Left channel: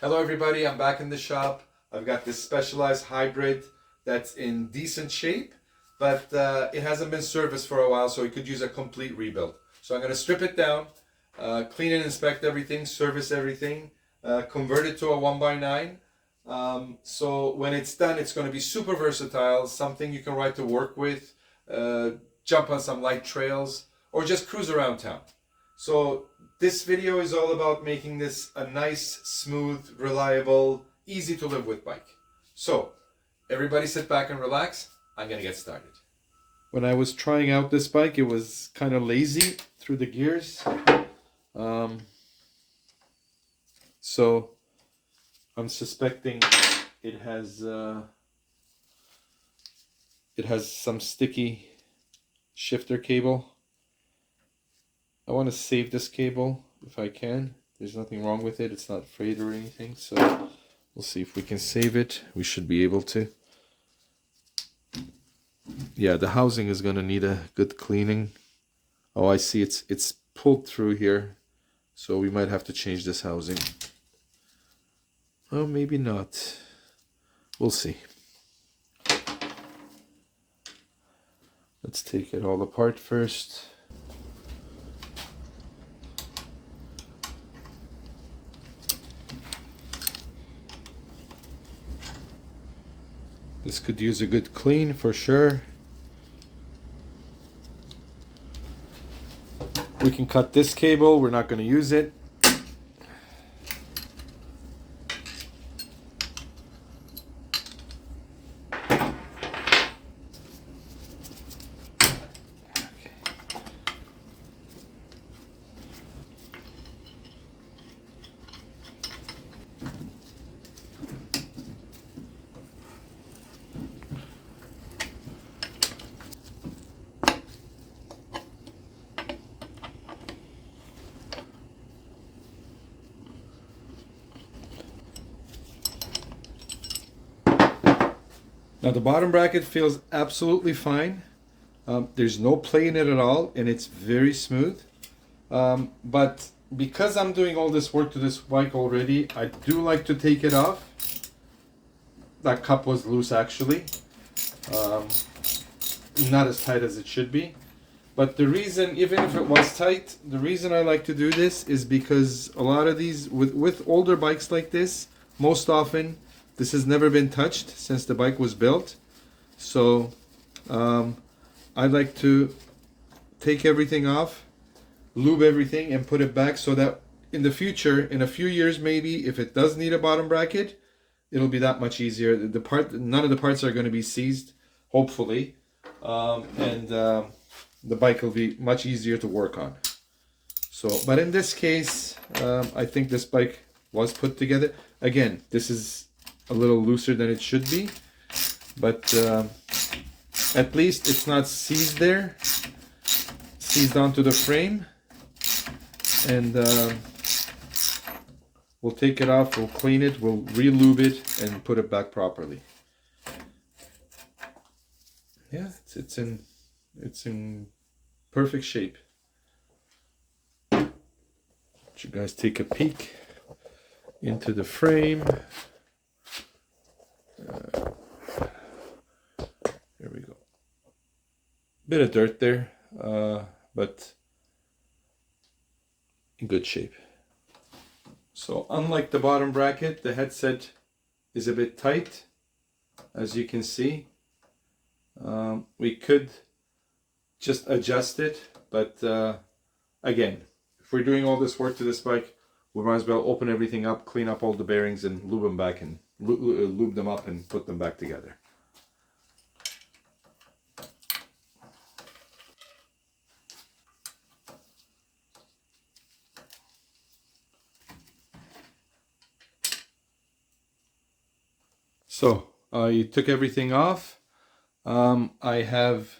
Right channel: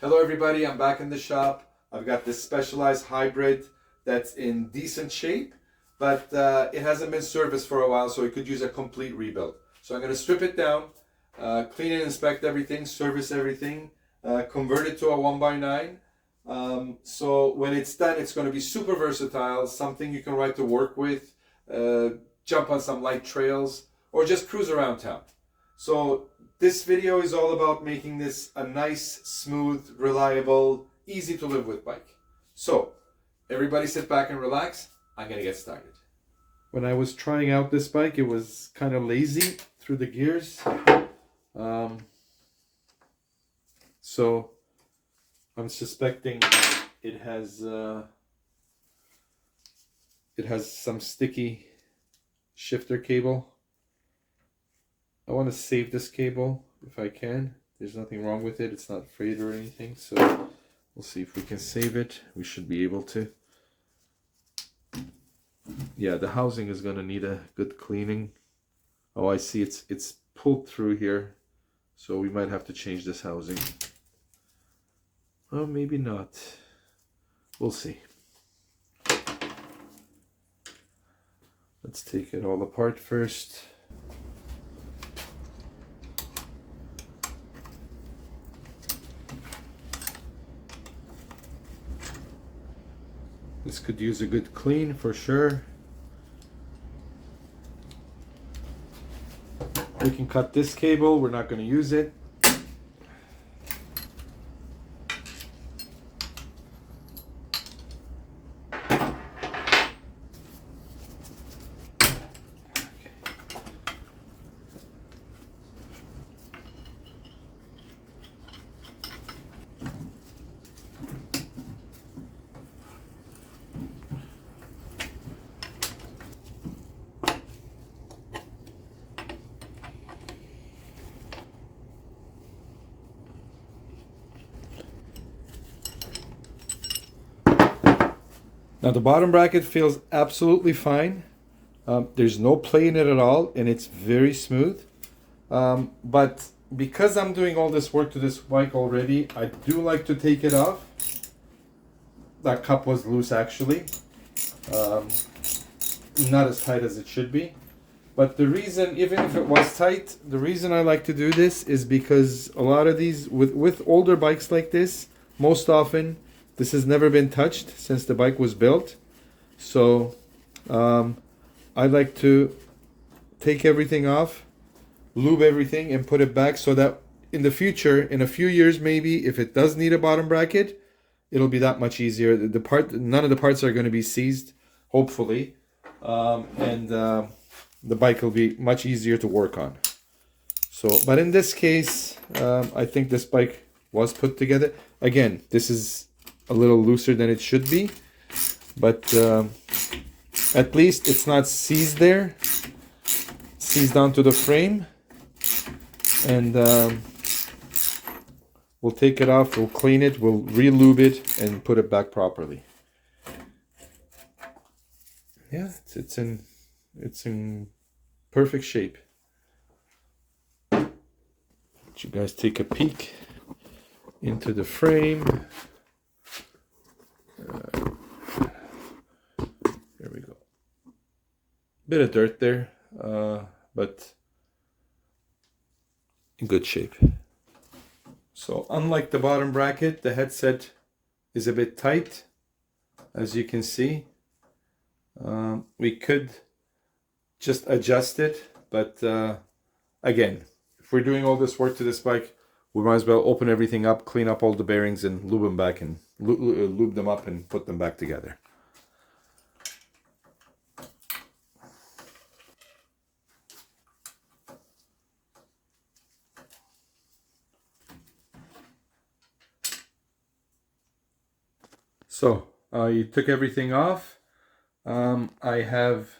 Hello everybody, I'm back in the shop. I've got this Specialized hybrid that's in decent shape, but it hasn't been serviced for a while, so it could use a complete rebuild. So I'm going to strip it down, clean and inspect everything, service everything, convert it to a 1x9. So when it's done, it's going to be super versatile, something you can ride to work with, jump on some light trails, or just cruise around town. So this video is all about making this a nice, smooth, reliable, easy to live with bike. So everybody sit back and relax. I'm gonna get started. When I was trying out this bike, it was kind of lazy through the gears. So I'm suspecting it has some sticky shifter cable. I want to save this cable if I can. There's nothing wrong with it. It's not frayed or anything. So we'll see if we can save it. We should be able to. Yeah, the housing is going to need a good cleaning. Oh, I see it's pulled through here. So we might have to change this housing. Oh, maybe not. We'll see. Let's take it all apart first. This could use a good clean for sure. We can cut this cable, we're not going to use it. Now the bottom bracket feels absolutely fine. There's no play in it at all, and it's very smooth. But because I'm doing all this work to this bike already, I do like to take it off. That cup was loose actually. Not as tight as it should be. But the reason, even if it was tight, the reason I like to do this is because a lot of these, with older bikes like this, most often, this has never been touched since the bike was built. So I like to take everything off, lube everything, and put it back so that in the future, in a few years maybe, if it does need a bottom bracket, it'll be that much easier. None of the parts are going to be seized, hopefully. The bike will be much easier to work on. So, but in this case, I think this bike was put together. Again, this is a little looser than it should be, but at least it's not seized there, seized onto the frame. And we'll take it off, we'll clean it, we'll re-lube it and put it back properly. Yeah, it's in perfect shape. Let you guys take a peek into the frame. There we go. Bit of dirt there, but in good shape. So unlike the bottom bracket, the headset is a bit tight, as you can see. We could just adjust it, but again, if we're doing all this work to this bike, we might as well open everything up, clean up all the bearings, and lube them back and lube them up and put them back together. So I took everything off. I have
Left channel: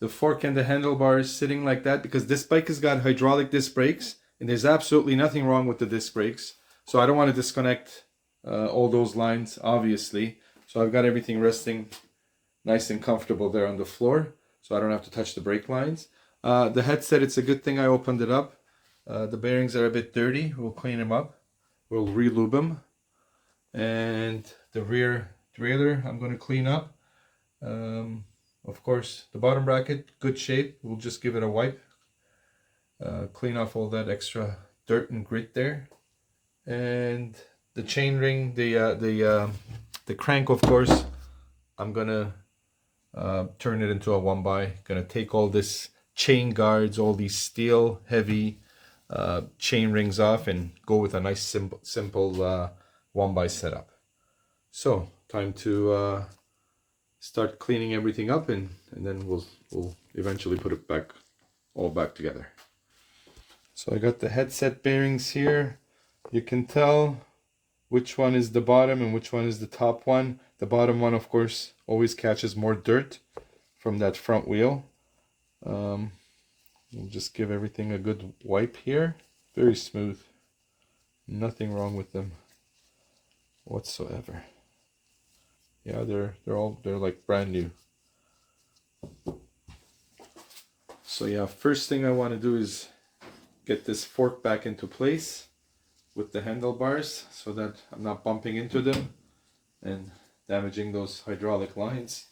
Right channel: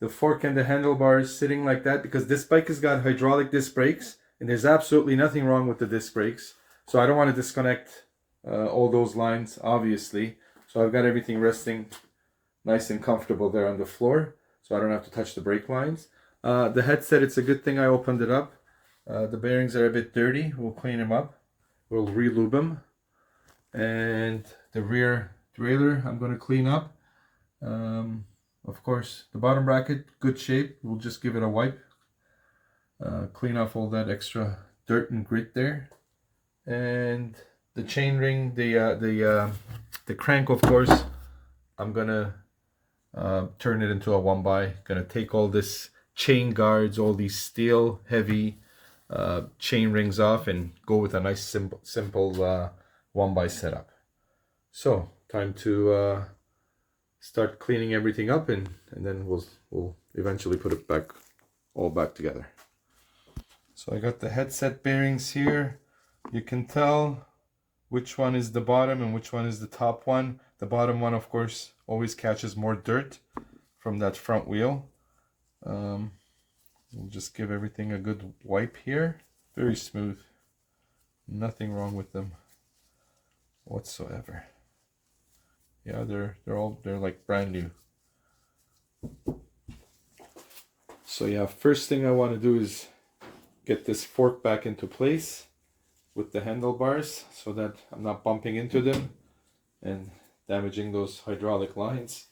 the fork and the handlebars sitting like that because this bike has got hydraulic disc brakes and there's absolutely nothing wrong with the disc brakes. So I don't want to disconnect all those lines, obviously. So I've got everything resting nice and comfortable there on the floor, so I don't have to touch the brake lines. The headset, it's a good thing I opened it up. The bearings are a bit dirty. We'll clean them up. We'll re-lube them. And the rear derailleur I'm going to clean up. Of course, the bottom bracket, good shape. We'll just give it a wipe. Clean off all that extra dirt and grit there. And the chain ring, the crank, of course, I'm gonna turn it into a 1x. Gonna take all this chain guards, all these steel heavy chain rings off, and go with a nice simple 1x setup. So time to start cleaning everything up, and then we'll eventually put it all back together. So I got the headset bearings here. You can tell which one is the bottom and which one is the top one. The bottom one, of course, always catches more dirt from that front wheel. We'll just give everything a good wipe here. Very smooth. Nothing wrong with them whatsoever. Yeah, they're like brand new. So yeah, first thing I want to do is get this fork back into place with the handlebars so that I'm not bumping into them and damaging those hydraulic lines.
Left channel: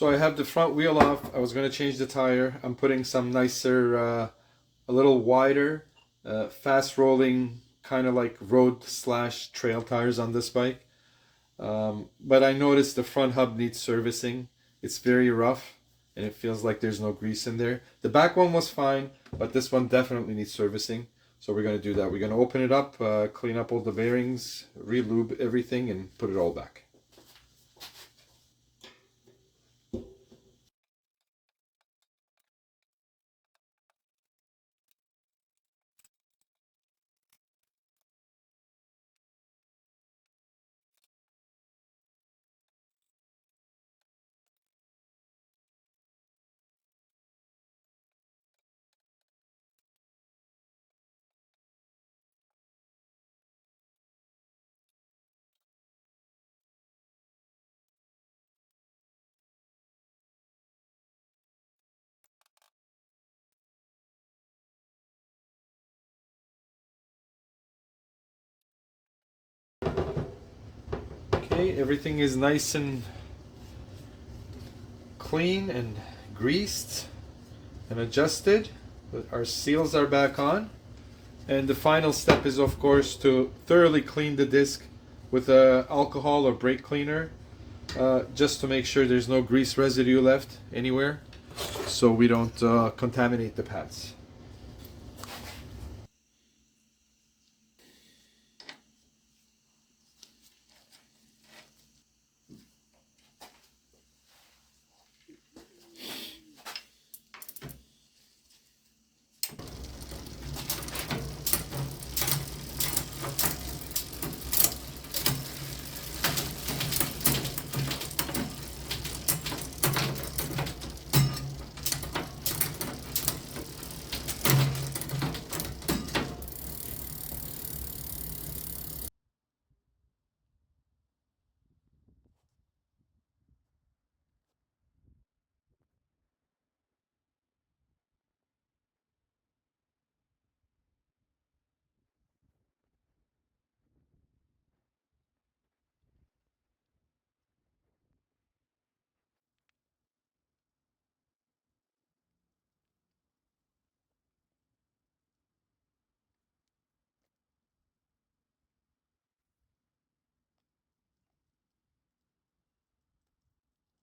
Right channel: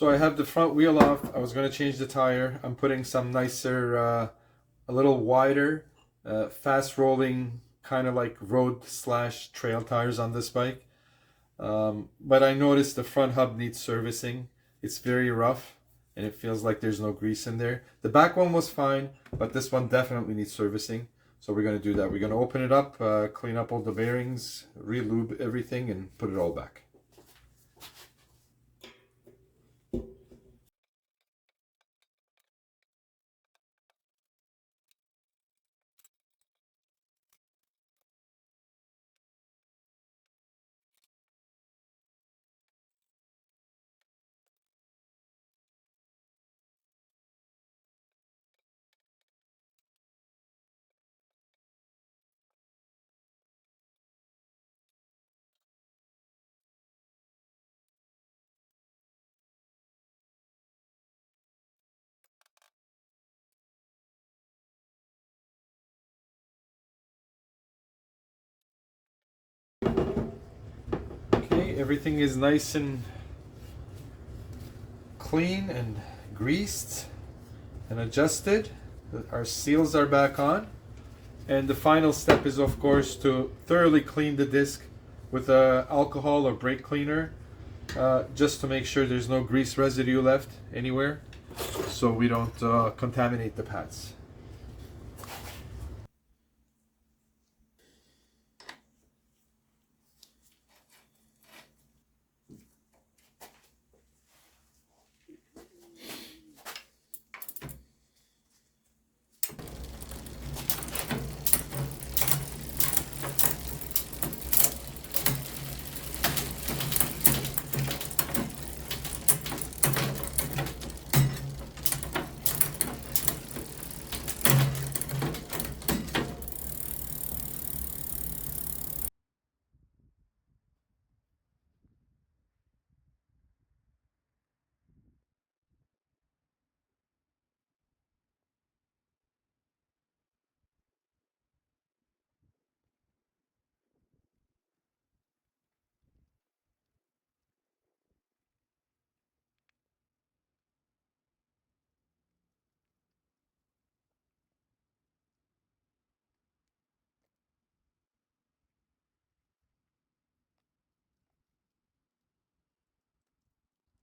So I have the front wheel off. I was going to change the tire. I'm putting some nicer, a little wider, fast rolling, kind of like road slash trail tires on this bike. But I noticed the front hub needs servicing. It's very rough and it feels like there's no grease in there. The back one was fine, but this one definitely needs servicing. So we're going to do that. We're going to open it up, clean up all the bearings, re-lube everything, and put it all back. Okay, everything is nice and clean and greased and adjusted. Our seals are back on. And the final step is, of course, to thoroughly clean the disc with alcohol or brake cleaner, just to make sure there's no grease residue left anywhere, so we don't contaminate the pads.